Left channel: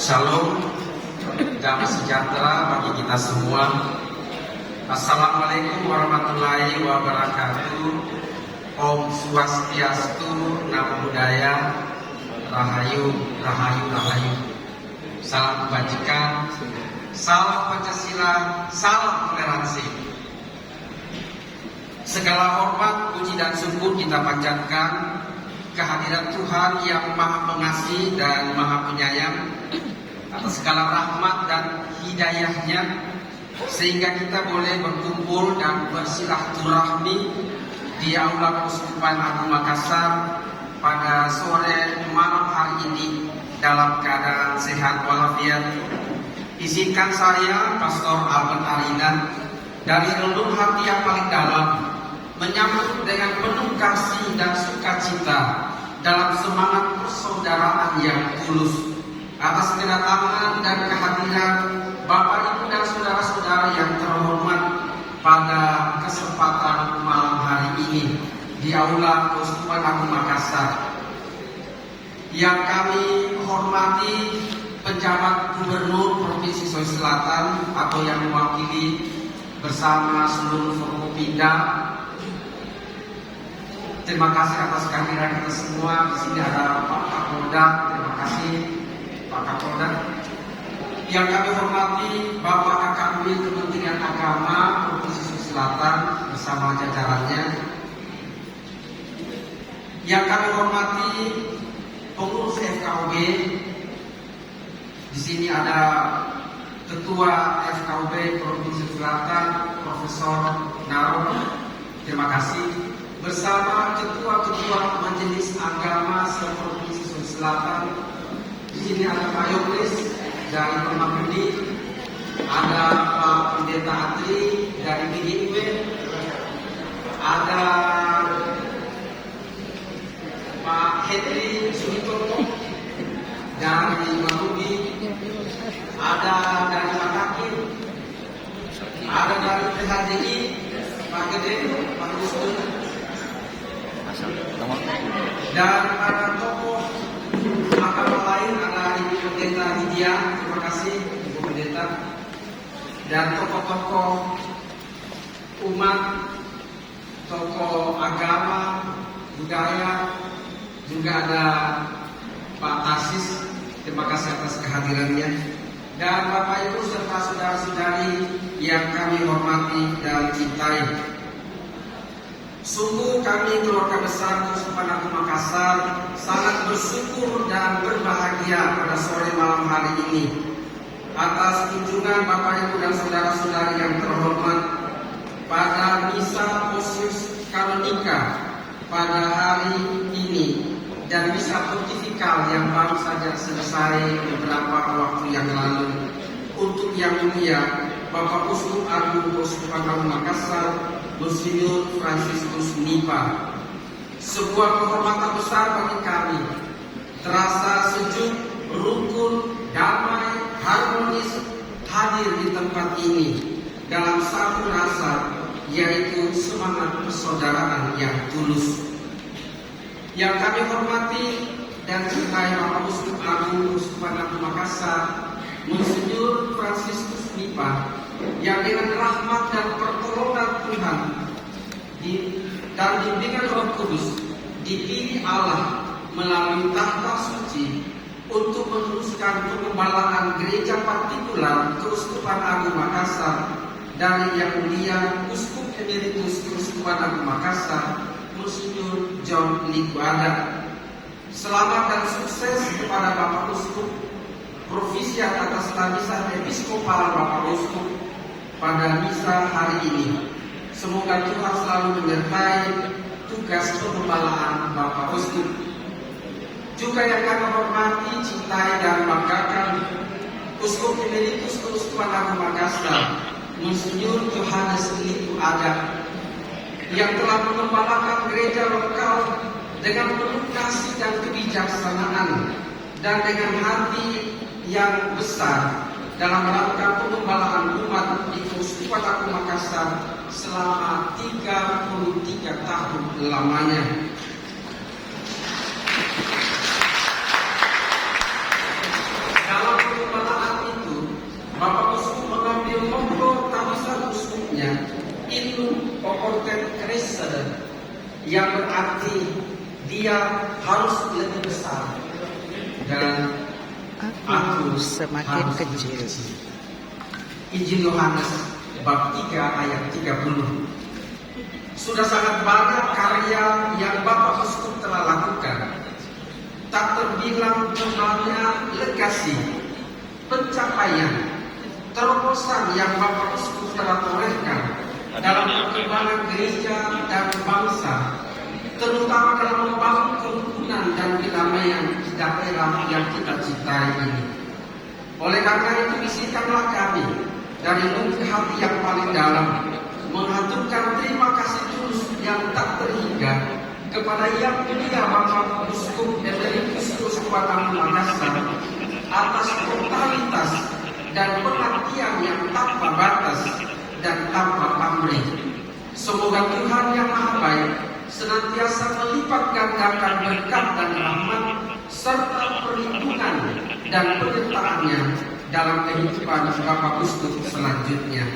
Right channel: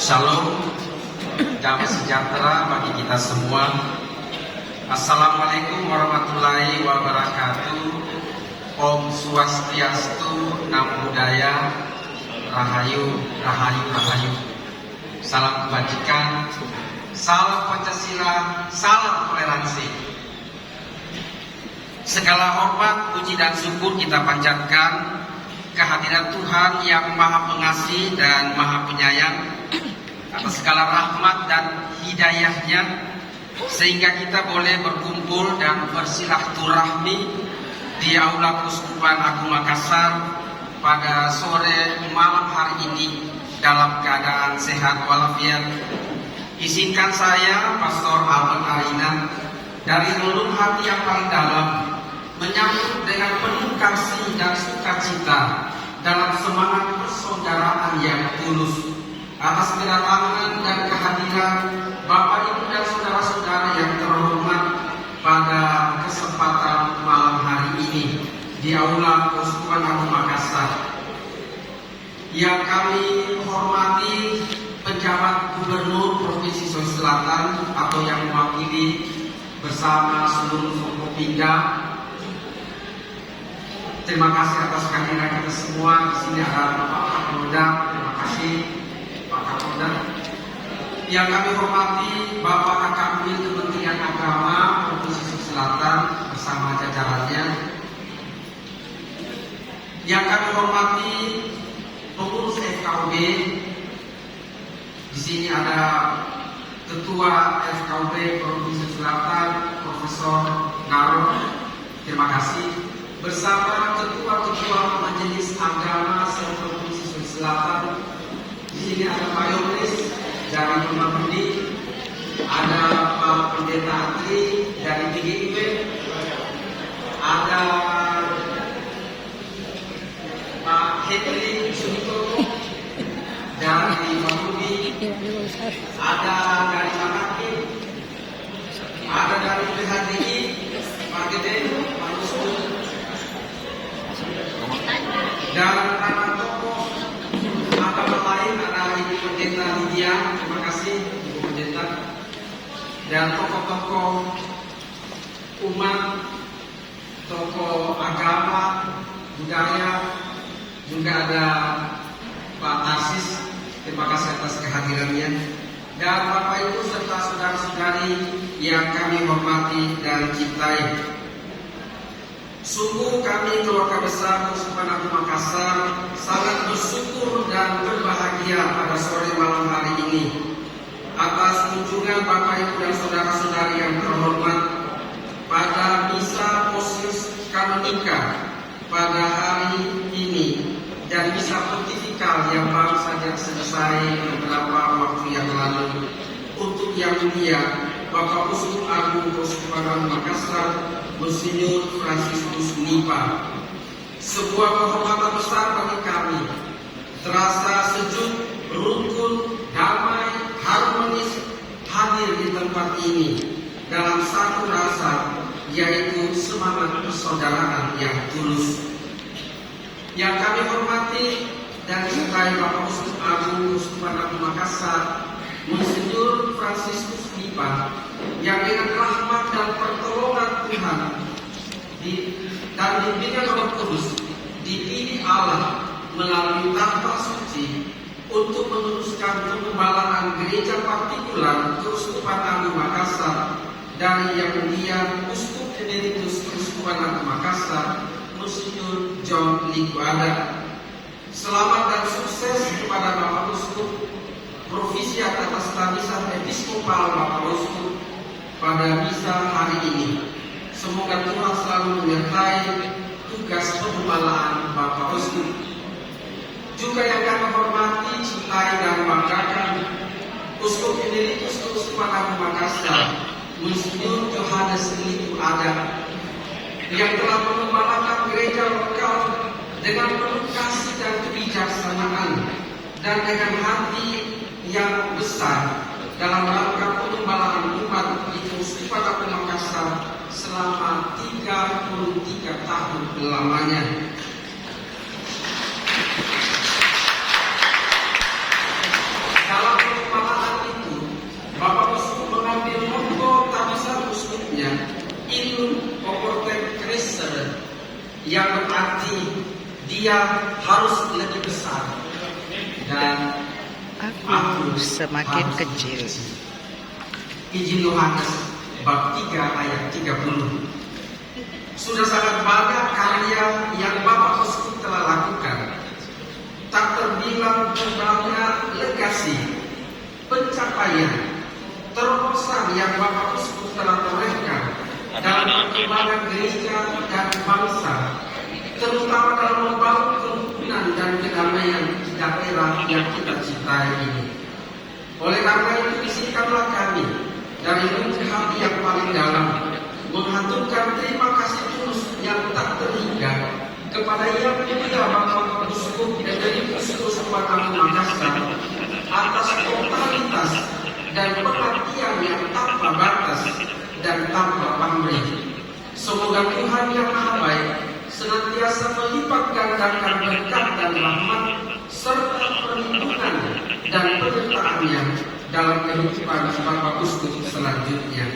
Shalom, damai sejahtera bagi kita semua. Assalamualaikum warahmatullahi wabarakatuh. Om Swastiastu, Namo Buddhaya, Rahayu, Rahayu, Rahayu. Salam kebajikan, salam Pancasila, salam toleransi. Segala hormat, puji dan syukur kita panjatkan kehadiran Tuhan yang Maha Pengasih dan Maha Penyayang atas segala rahmat dan hidayahnya, sehingga kita boleh berkumpul dan bersilaturahmi di Aula Keuskupan Agung Makassar pada sore malam hari ini dalam keadaan sehat walafiat. Izinkan saya, Pastor Albert Alina, dari relung hati yang paling dalam menyambut dengan penuh kasih dan sukacita dalam semangat persaudaraan yang tulus atas kedatangan dan kehadiran Bapak Ibu dan saudara-saudara yang terhormat pada kesempatan malam hari ini di Aula Keuskupan Agung Makassar. Yang kami hormati penjabat Gubernur Provinsi Sulawesi Selatan atau yang mewakili bersama seluruh Forkopimda. Terima kasih atas kehadiran kita semua. Di sini ada Pak Kapolda. Terima kasih Pak Kapolda. Yang kami hormati Bapak Akabri Kementerian Agama Provinsi Sulawesi Selatan bersama jajarannya. Yang kami hormati pengurus FKUB. Di sini ada Ketua FKUB Provinsi Selatan Profesor Naro. Terima kasih. Bersama ketua-ketua Majelis Agama se-Provinsi Sulawesi Selatan. Di sini ada Pak Yoris dari Permabudi, ada Pak Pendeta Atri dari DGIW, ada Pak Hedri Sumitomo dari Permabudi, ada dari Makati, ada dari PHDI, Pak Gede, Pak Gustur, dan para tokoh agama lain, ada Ibu Pendeta Lydia, terima kasih Ibu Pendeta, dan tokoh-tokoh umat, tokoh agama, budaya, juga ada Pak Tarsis, terima kasih atas kehadirannya, dan Bapak Ibu serta saudara-saudari yang kami hormati dan cintai. Sungguh kami keluarga besar Keuskupan Agung Makassar sangat bersyukur dan berbahagia pada sore malam hari ini atas kunjungan Bapak Ibu dan saudara-saudari yang terhormat pada misa Possis Kanonika pada hari ini dan misa pontifikal yang baru saja selesai beberapa waktu yang lalu untuk yang mulia Bapak Uskup Agung Keuskupan Agung Makassar Monsinyur Fransiskus Nipa. Sebuah kehormatan besar bagi kami, terasa sejuk, rukun, damai, harmonis hadir di tempat ini dalam satu rasa, yaitu semangat persaudaraan yang tulus. Yang kami hormati dan cintai Bapak Uskup Agung Keuskupan Agung Makassar Monsinyur Fransiskus Nipa, yang dengan rahmat dan pertolongan Tuhan dan bimbingan Roh Kudus dipilih Allah melalui tahta suci untuk meneruskan pengembalaan gereja partikular Keuskupan Agung Makassar dari Yang Mulia Uskup Emeritus Keuskupan Agung Makassar Monsinyur John Liguada. Selamat dan sukses kepada Bapak Uskup Provisiat atas tamisan episkopal Bapak Uskup pada misa hari ini. Semoga Tuhan selalu menyertai tugas pengembalaan Bapak Uskup. Juga yang kami hormati, cintai dan banggakan Uskup Emeritus Keuskupan Agung Makassar Monsinyur Johannes Liku Ada, yang telah mengembalakan gereja lokal dengan penuh kasih dan kebijaksanaan dan dengan hati yang besar dalam rangka pengembalaan umat di Keuskupan Agung Makassar selama 33 tahun lamanya. Dalam yang berarti dia harus lebih besar dan aku semakin kecil. Injil Yohanes bab 3 ayat 30. Sudah sangat banyak karya yang Bapak Uskup telah lakukan. Tak terbilang jumlahnya legasi, pencapaian, terobosan yang Bapak Uskup telah torehkan dalam perkembangan gereja dan bangsa, terutama dalam membangun kerukunan dan kedamaian di daerah yang kita cintai ini. Oleh karena itu, izinkanlah kami dari lubuk hati yang paling dalam menghaturkan terima kasih tulus yang tak terhingga kepada Yang Mulia Bapak Uskup Emeritus Agung Makassar atas totalitas dan perhatian yang tanpa batas dan tanpa pamrih. Semoga Tuhan yang Maha Baik senantiasa melipat gandakan berkat dan rahmat serta perlindungan dan penyertaannya dalam kehidupan Bapak Uskup selanjutnya.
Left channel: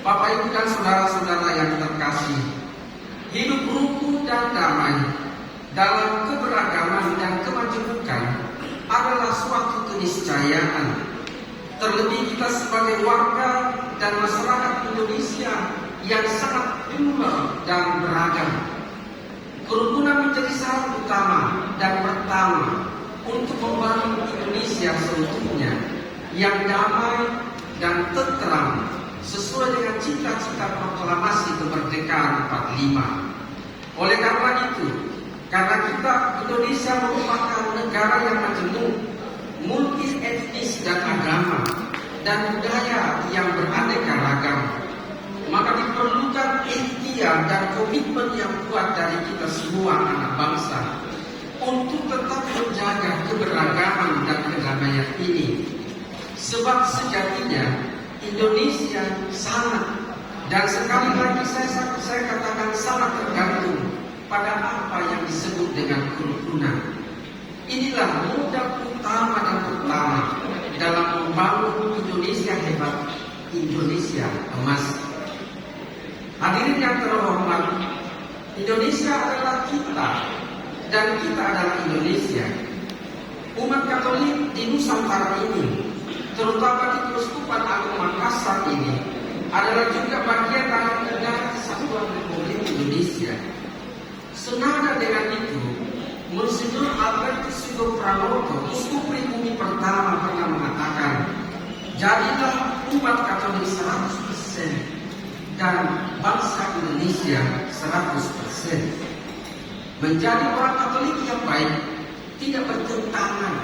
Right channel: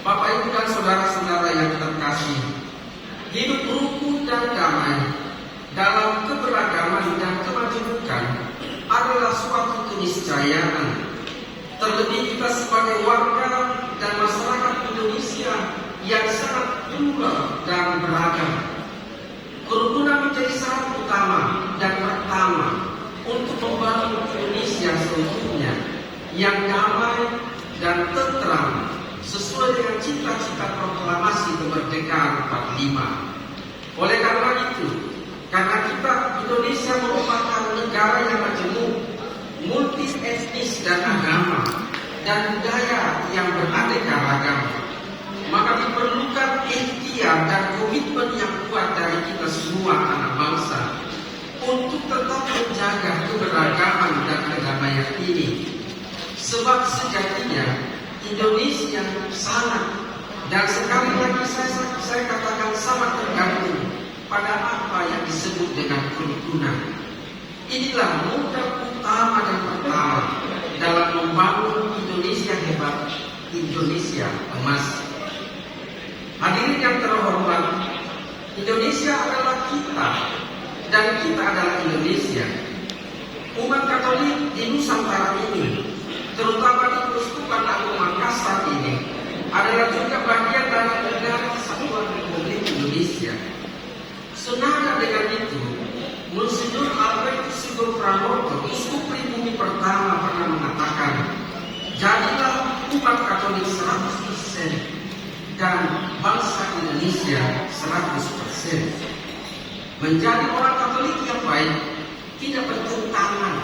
Bapak Ibu dan saudara-saudara yang terkasih, hidup rukun dan damai dalam keberagaman dan kemajemukan adalah suatu keniscayaan. Terlebih kita sebagai warga dan masyarakat Indonesia yang sangat plural dan beragam. Kerukunan menjadi syarat utama dan pertama untuk membangun Indonesia seutuhnya yang damai dan tentram sesuai dengan cita-cita proklamasi kemerdekaan 45. Oleh karena itu, karena kita Indonesia merupakan negara yang majemuk, multi etnis dan agama dan budaya yang beraneka ragam, maka diperlukan ikhtiar dan komitmen yang kuat dari kita semua anak bangsa untuk tetap menjaga keberagaman dan kedamaian ini. Sebab sejatinya Indonesia sangat, dan sekali lagi saya katakan sangat tergantung pada apa yang disebut dengan kerukunan. Inilah modal utama dan pertama dalam membangun Indonesia hebat, Indonesia emas. Hadirin yang terhormat, Indonesia adalah kita dan kita adalah Indonesia. Umat Katolik di Nusantara ini, terutama di Keuskupan Agung Makassar ini, adalah juga bagian dari negara kesatuan Republik Indonesia. Senada dengan itu, Monsignor Albertus Sugeng Pranoto, Uskup Pribumi pertama, pernah mengatakan, jadilah umat Katolik 100% dan bangsa Indonesia 100%. Menjadi orang Katolik yang baik tidak bertentangan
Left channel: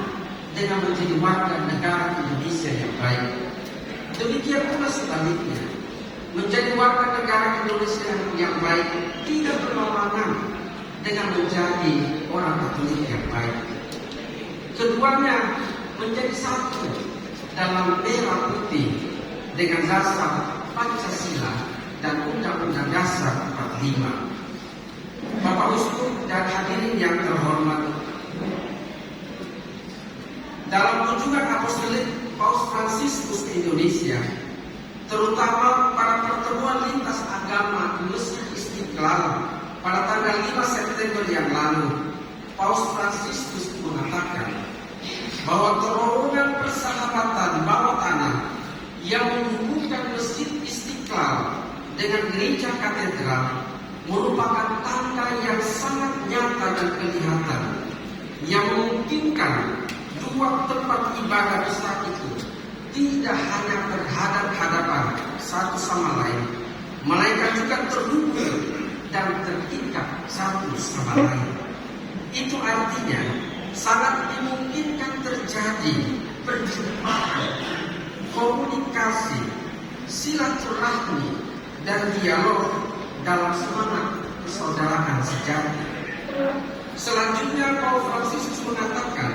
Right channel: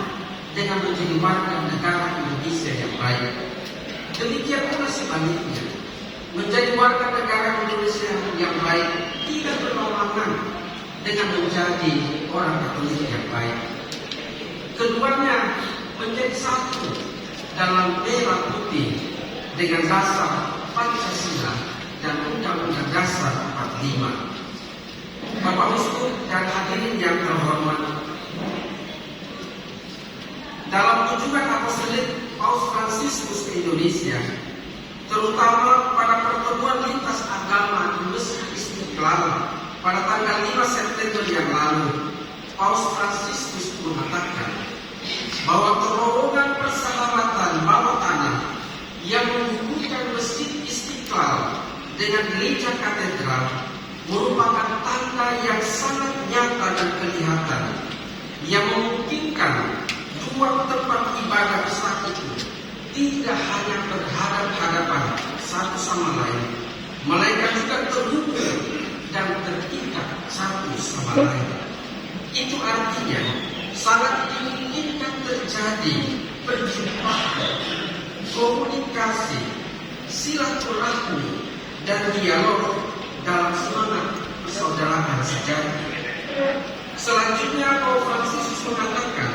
dengan menjadi warga negara Indonesia yang baik. Demikian pula sebaliknya, menjadi warga negara Indonesia yang baik tidak berlawanan dengan menjadi orang Katolik yang baik. Keduanya menjadi satu dalam merah putih dengan dasar Pancasila dan Undang-Undang Dasar 45. Bapak Uskup dan hadirin yang terhormat, dalam kunjungan apostolik Paus Fransiskus ke Indonesia, terutama pada pertemuan lintas agama di Masjid Istiqlal pada tanggal 5 September yang lalu, Paus Fransiskus mengatakan bahwa terowongan persahabatan bawah tanah yang menghubungkan Masjid Istiqlal dengan gereja katedral merupakan tanda yang sangat nyata dan kelihatan yang memungkinkan dua tempat ibadah besar itu tidak hanya berhadap-hadapan satu sama lain, melainkan juga terhubung dan terikat satu sama lain. Itu artinya sangat dimungkinkan terjadi perjumpaan, komunikasi, silaturahmi, dan dialog dalam semangat persaudaraan sejati. Selanjutnya, Paus Fransiskus mengatakan,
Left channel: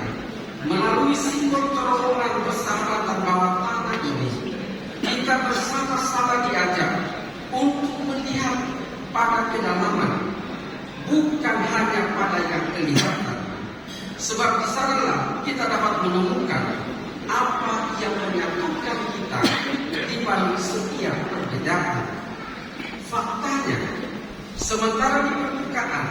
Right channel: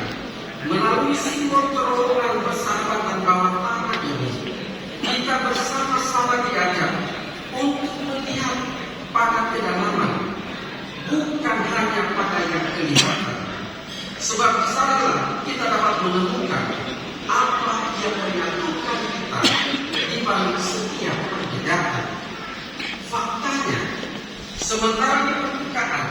melalui simbol terowongan persahabatan bawah tanah ini, kita bersama-sama diajak untuk melihat pada kedalaman, bukan hanya pada yang kelihatan. Sebab di sanalah kita dapat menemukan apa yang menyatukan kita di balik setiap perbedaan. Faktanya, Sementara di permukaan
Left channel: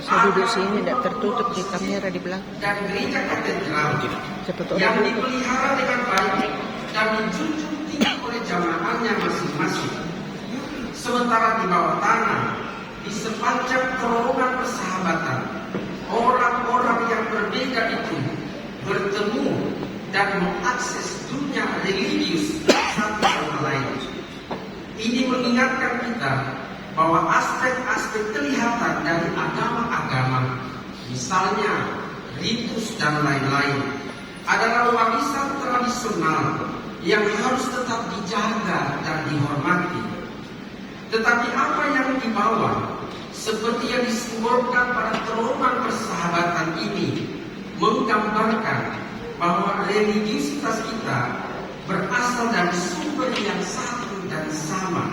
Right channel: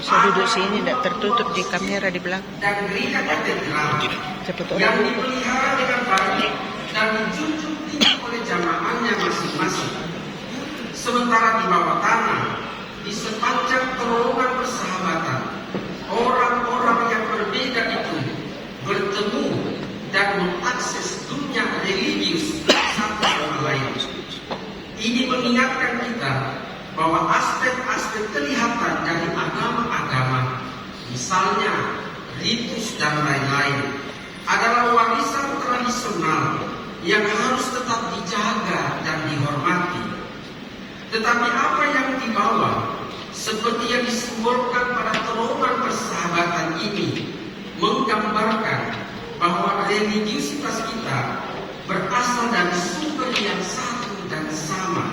Saya duduk sini tidak tertutup di kamera di belakang. dan gereja katedral Cepat orang yang buku. dipelihara dengan baik dan dijunjung tinggi oleh jamaahnya masing-masing. Sementara di bawah tanah, di sepanjang terowongan persahabatan, orang-orang yang berbeda itu bertemu dan mengakses dunia religius satu sama lain. Ini mengingatkan kita bahwa aspek-aspek kelihatan dari agama-agama, misalnya ritus dan lain-lain, adalah warisan tradisional yang harus tetap dijaga dan dihormati. Tetapi apa yang dibawa, seperti yang disimbolkan pada terowongan persahabatan ini, menggambarkan bahwa religiusitas kita berasal dari sumber yang satu dan sama,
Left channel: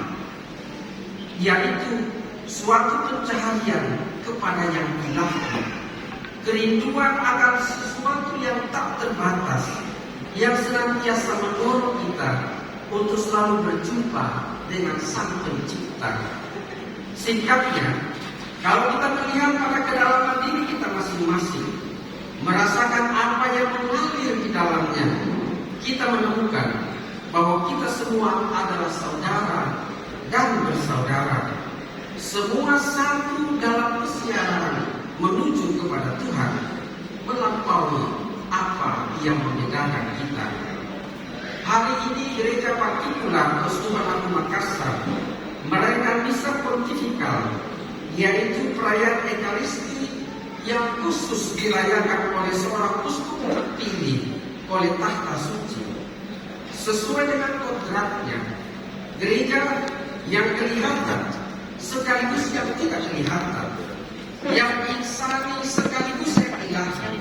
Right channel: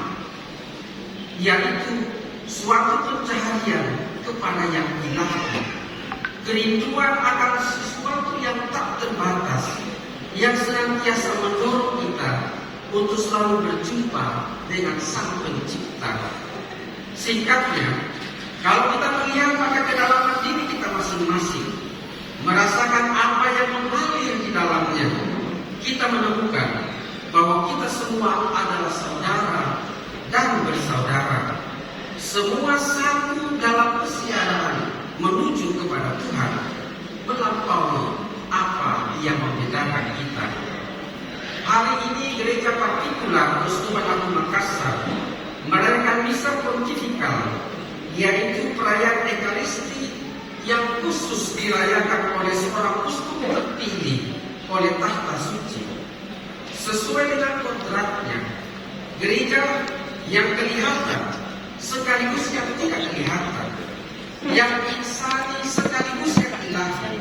yaitu suatu pencaharian kepada yang ilahi, kerinduan akan sesuatu yang tak terbatas, yang senantiasa mendorong kita untuk selalu berjumpa dengan Sang Pencipta. Singkatnya, kalau kita melihat pada kedalaman diri kita masing-masing, merasakan apa yang mengalir di dalamnya, kita menemukan bahwa kita semua adalah saudara dan bersaudara. Semua satu dalam kesiaran menuju kepada Tuhan, melampaui apa yang membedakan kita. Hari ini gereja partikular Keuskupan Agung Makassar merayakan misa pontifikal, yaitu perayaan Ekaristi yang khusus dirayakan oleh seorang uskup terpilih oleh tahta suci. Sesuai dengan kodratnya, gereja yang kelihatan sekaligus yang tidak kelihatan, yang insani sekaligus yang ilahi,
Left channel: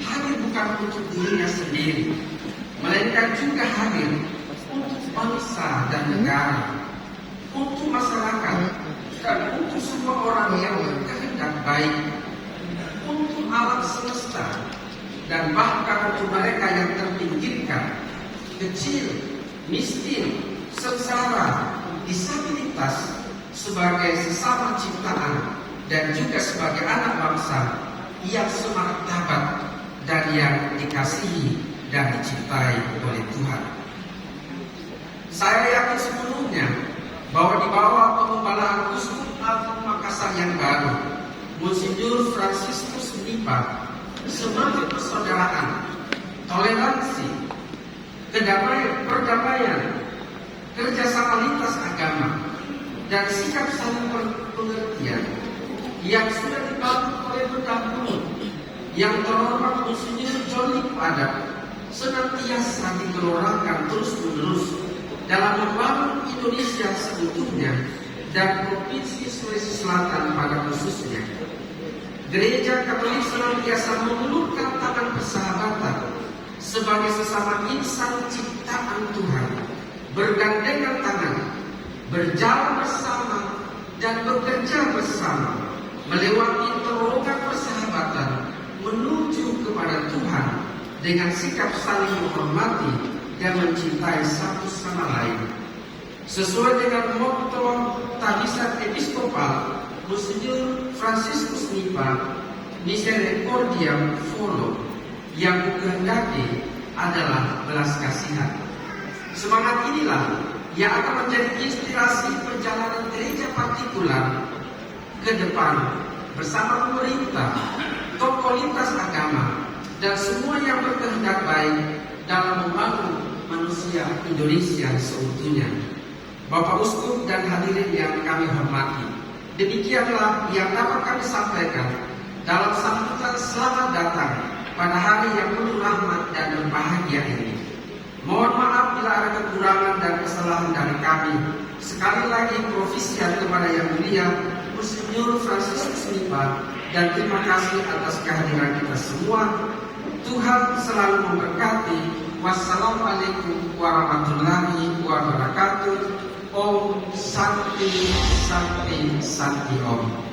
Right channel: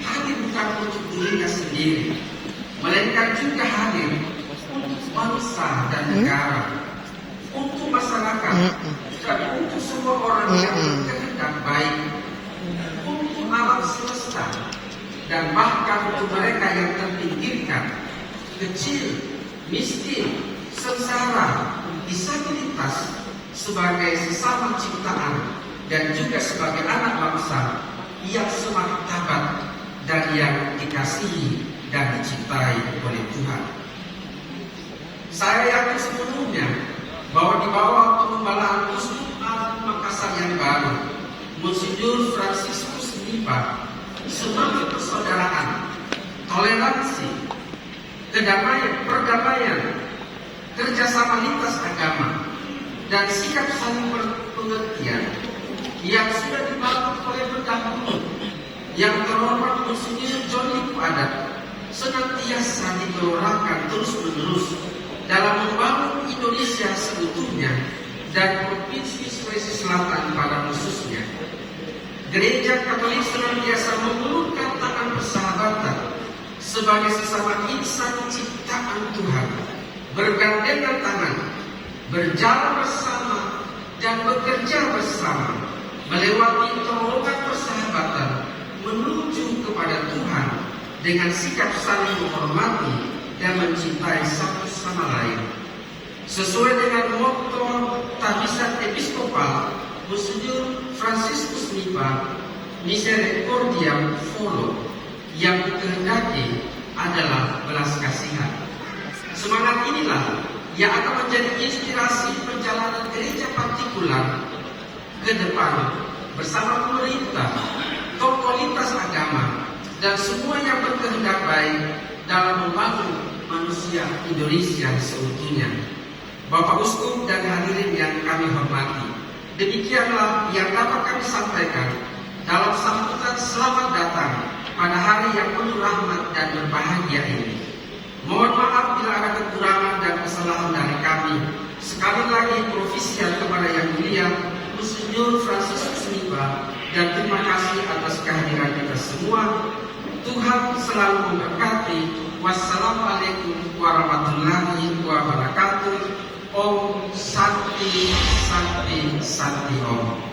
hadir bukan untuk dirinya sendiri, melainkan juga hadir untuk bangsa dan negara, untuk masyarakat, dan untuk semua orang yang berkehendak baik, untuk alam semesta, dan bahkan untuk mereka yang terpinggirkan, kecil, miskin, sengsara, disabilitas, sebagai sesama ciptaan dan juga sebagai anak bangsa yang semartabat dan yang dikasihi dan dicintai oleh Tuhan. Saya yakin sepenuhnya bahwa di bawah penggembalaan Uskup Agung Makassar yang baru, Monsinyur Fransiskus Nipa, semangat persaudaraan, toleransi, perdamaian, kerjasama lintas agama, dan sikap saling pengertian yang sudah dibangun oleh pendahulu yang terhormat Monsinyur Johnny Padat senantiasa digelorakan terus-menerus dalam membangun Indonesia seutuhnya dan Provinsi Sulawesi Selatan pada khususnya. Gereja Katolik senantiasa mengulurkan tangan persahabatan sebagai sesama insan ciptaan Tuhan, bergandengan tangan, berjalan bersama dan bekerja bersama melewati terowongan persahabatan menuju kepada Tuhan dengan sikap saling menghormati dan mencintai satu sama lain. Sesuai dengan motto Tabisat Episkopal Monsinyur Fransiskus Nipa, Misericordiam Folo, yang dikehendaki adalah belas kasihan. Semangat inilah yang akan menjadi inspirasi perjalanan gereja partikular ke depan bersama pemerintah, tokoh lintas agama, dan semua yang berkehendak baik dalam membangun manusia Indonesia seutuhnya. Bapak Uskup dan hadirin yang kami hormati, demikianlah yang dapat kami sampaikan dalam sambutan selamat datang pada hari yang penuh rahmat dan berbahagia ini. Mohon maaf bila ada kekurangan dan kesalahan dari kami. Sekali lagi profisia kepada Yang Mulia Monsinyur Fransiskus Nipa, dan terima kasih atas kehadiran kita semua. Tuhan selalu memberkati. Wassalamualaikum warahmatullahi wabarakatuh. Om Santi Santi Santi Om.